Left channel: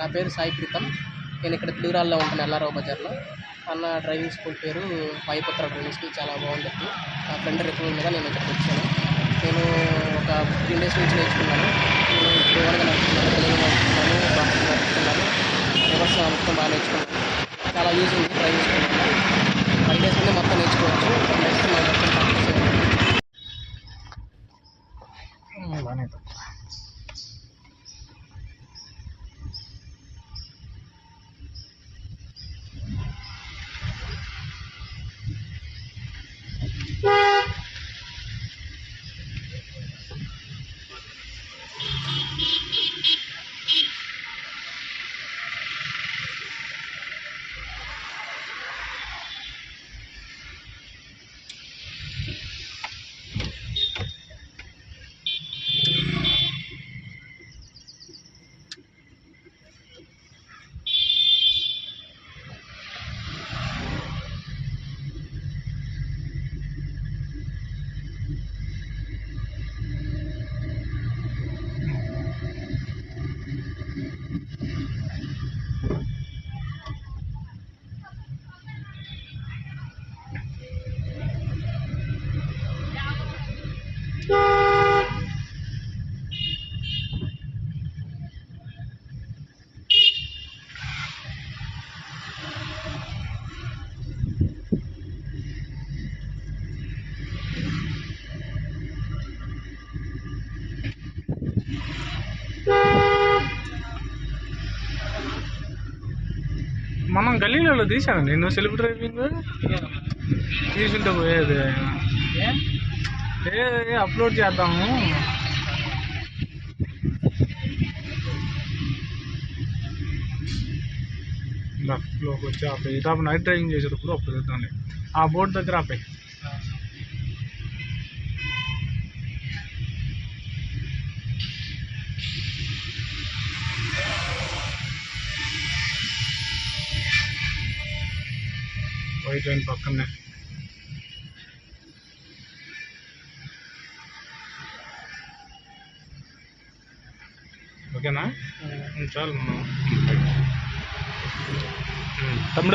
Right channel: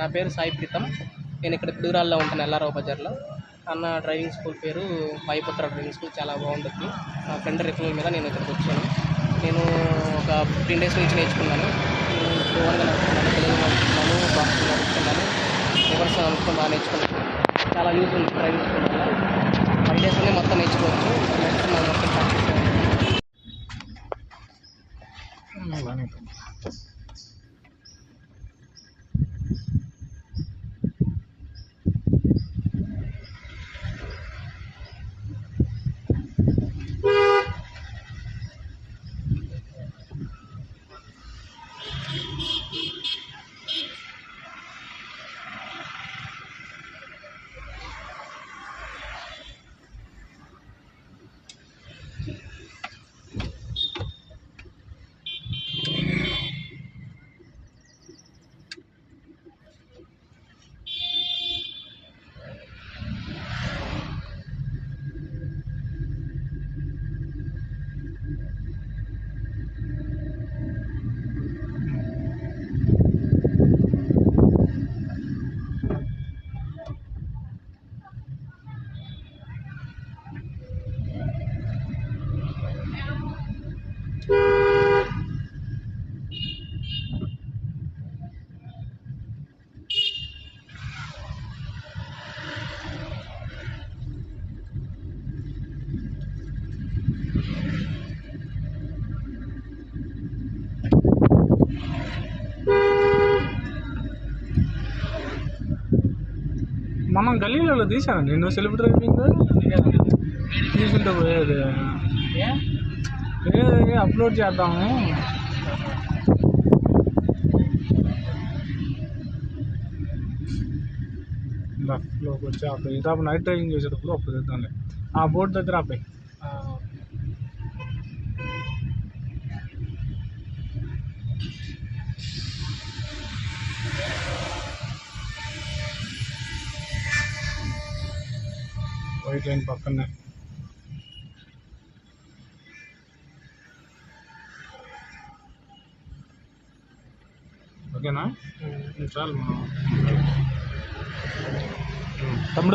నా పేరు సాయి ప్రీతం. నేను ఇక్కడ పిడుగురాల్లో ఉంటాను, ఎల్లారావు బజార్లో. అన్న డ్రైవింగ్ స్కూల్ పేరు వాయుపుత్ర డ్రైవింగ్ స్కూల్, చాలా బాగుంటుంది. నా ఫ్రెండ్ రిఫరల్ మీద నేను ఇక్కడికి వచ్చాను. నేను ఒక 15 డేస్ నుంచి నేర్చుకున్నాను. నేను ఇప్పుడు ఓన్గా నడుపుతున్నాను, తెలుగు నడుపుతున్నాను, బాక్స్ నడుపుతున్నాను, రివర్స్ మొత్తం బాగా నేర్చుకున్నాను. చాలా యూజ్ ఉంది డ్రైవింగ్ స్కూల్ వల్ల. 10 డేస్ నుండి మొత్తం నేర్చుకోవచ్చు. 10 డేస్ మనం మొత్తం ప్రాక్టీస్ చేయాలి. మనం గల్లీలలో తీసాను నేను సెల్ఫ్ డ్రైవింగ్ తీసుంటే పోయేది ఏది అప్లోడ్ చేద్దాము. లెఫ్ట్లోకి వచ్చి ఆపే ఇదాపు నైట్ డ్రైవింగ్ చేసేటప్పుడు అప్పుడు చేద్దాంలే. ఆ బోర్డు దగ్గర ఆపే. వైట్ లైన్ పక్కనే. ఓకేనా? చాలు మనం తమ్ముడు.